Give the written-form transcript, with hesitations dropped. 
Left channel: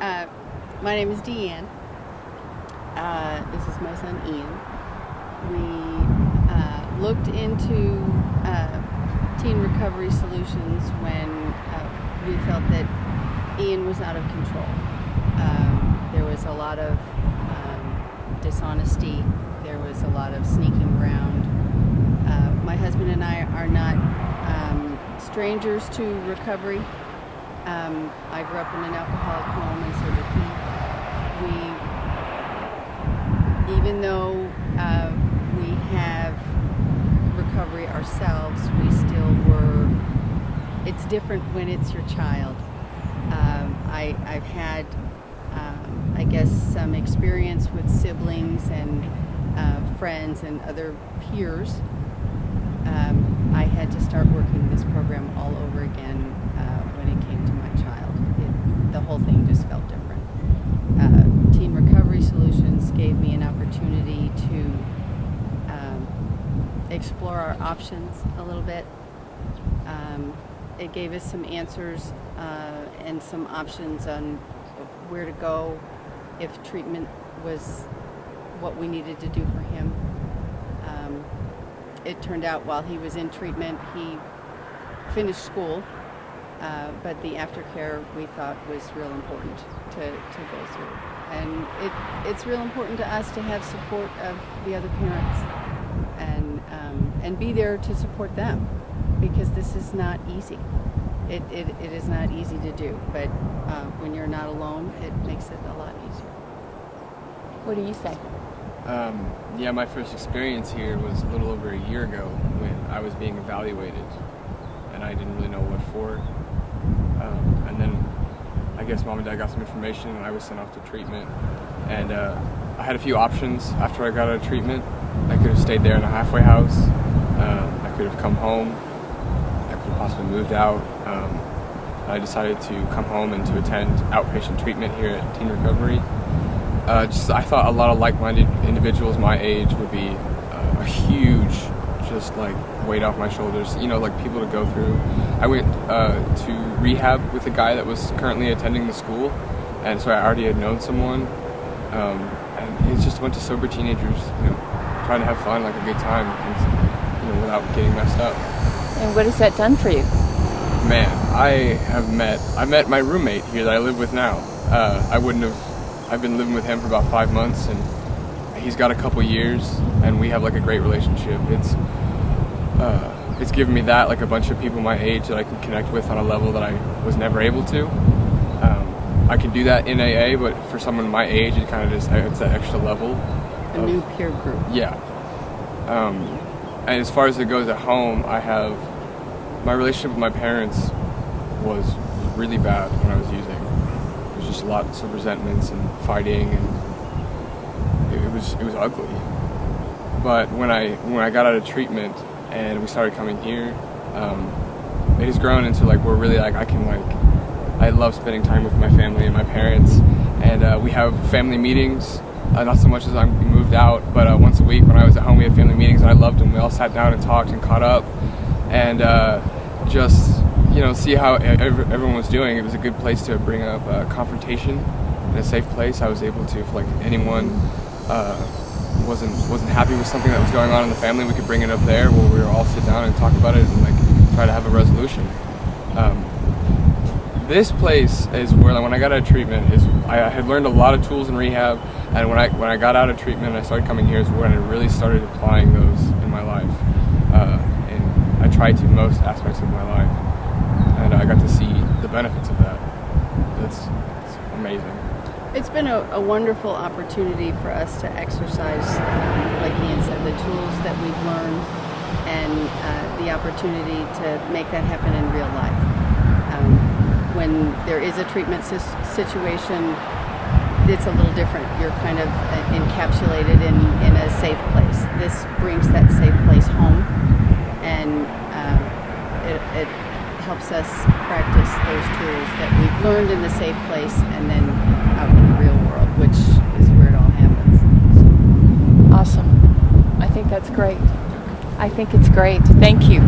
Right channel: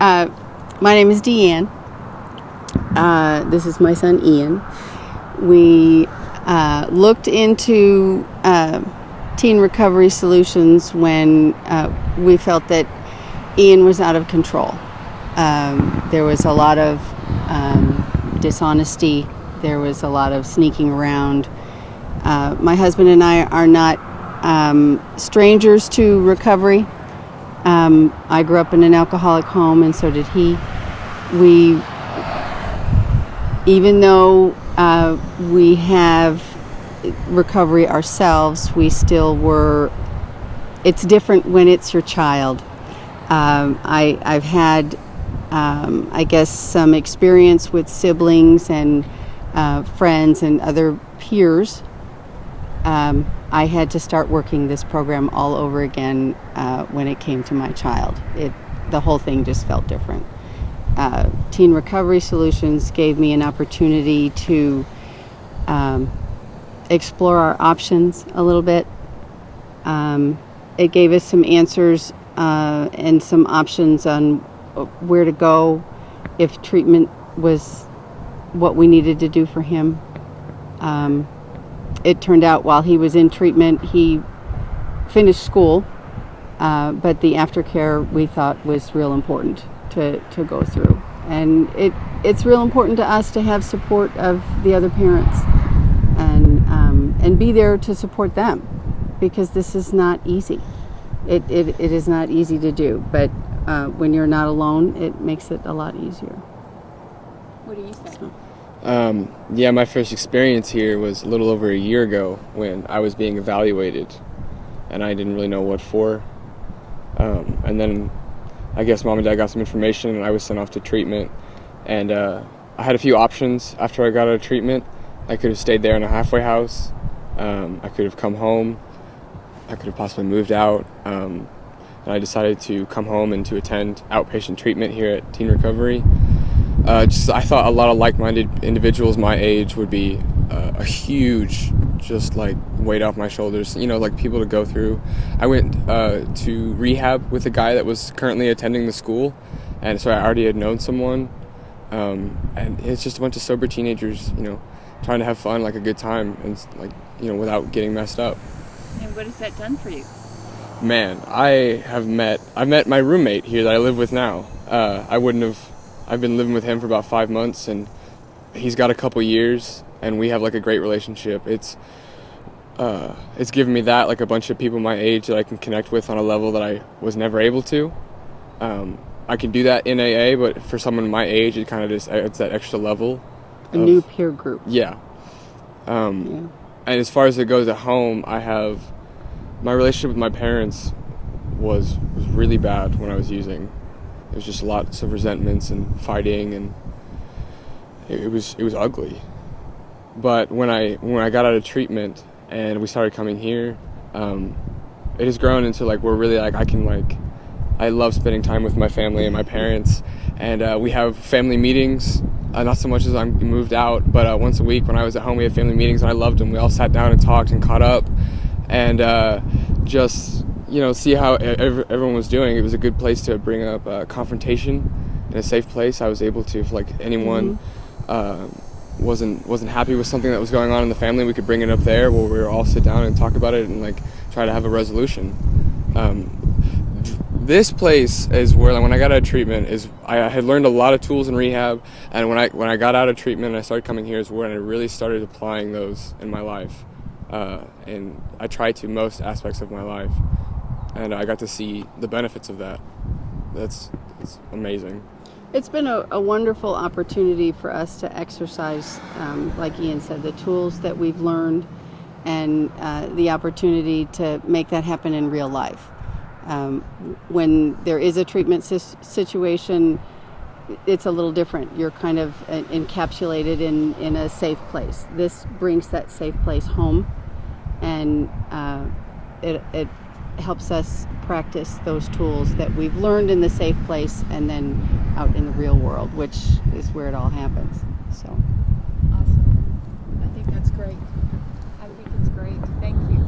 My name is Deanne. This is my son Ian. We looked into teen recovery solutions when we felt that Ian was out of control. There was a lot of dishonesty. There was a lot of sneaking around. My husband and I are not strangers to recovery. I grew up in an alcoholic home, and so did he. Even though we have recovery ourselves, we still were. It's different when it's your child. I've had, I guess, some experience with siblings and friends and other peers. I had to start working this program all over again when it came to my child. The whole thing just felt different. Teen Recovery Solutions gave me an opportunity to explore our options a little bit. It gave us some answers and some options on where to go if treatment was what we needed to do for him. It turned out while he was in treatment, he finished school, but the aftercare we thought was real important to go through. And it's real important to us to have support of the other parents and be there to support them, because this is not easy. It is not easy to do, but when you're not alone, it makes it a lot easier. What do you say? Yeah, my first experience here was a little over a year ago when I was being evaluated, and I didn't really know what for. And then I guess Mom and Dad got some information, and I was sent off to treatment. And I had a few options after I got out of treatment. I could have stayed there in a halfway house. I could have come home. I could have possibly moved out. I decided to come home and to attend outpatient treatment here at Teen Recovery. I thought a lot of like-minded individuals my age would be a huge, just like weight off my shoulders, like people to go through. I went to rehab with a guy that was currently attending the school, and so I already had known someone, and it's just a bunch of sober teenagers, trying to have fun, like a good time, and without getting messed up. And what has that done for you? Man, I've met my roommate here that I live with now. I've been living with him for about 5 months, and he's got a couple years, and we have like a great relationship. It's given me that, like a bunch of people my age that I can connect with on a level that I was never able to. I could do that in AA, but for someone my age, it's that extra level. A new peer group. Yeah. And as far as it goes at home, my relationship with my parents was really bad when I was using. There's just lots of resentments and fighting, and it was ugly. But when I got out of treatment and we started coming here, it has grown into we're really I love spending time with my family and my parents, and we have family meetings. Not so much as I'm moved out, but once a week when I was at home, we had family meetings, and I loved them. We all sat down and talked and caught up, and just see how everyone was doing. It was a good place to bring up confrontation in a safe place. I was able to, if anyone wasn't happy with something that was going on in the family, we could bring it up there where we were all sit down and talk about it and try to have a resolution. This place is where, when I got out of treatment, I had learned a lot of tools in rehab, and when I got out of treatment and I started coming here is when I really started applying those in my life, and I tried to most aspects of my life, and I got to see the benefits of that. It's amazing. It's been a wonderful opportunity for us to exercise, like Ian said, the tools that we've learned, and the opportunity to make that happen in real life. When there is a treatment situation, it's a little different. You're kind of encapsulated in a safe place. This brings that safe place home, and it helps us practice those tools that we've learned in the safe place and then out in the real world, which is where it all happens. So. Awesome. I think that's great. I think it's great. Thank you.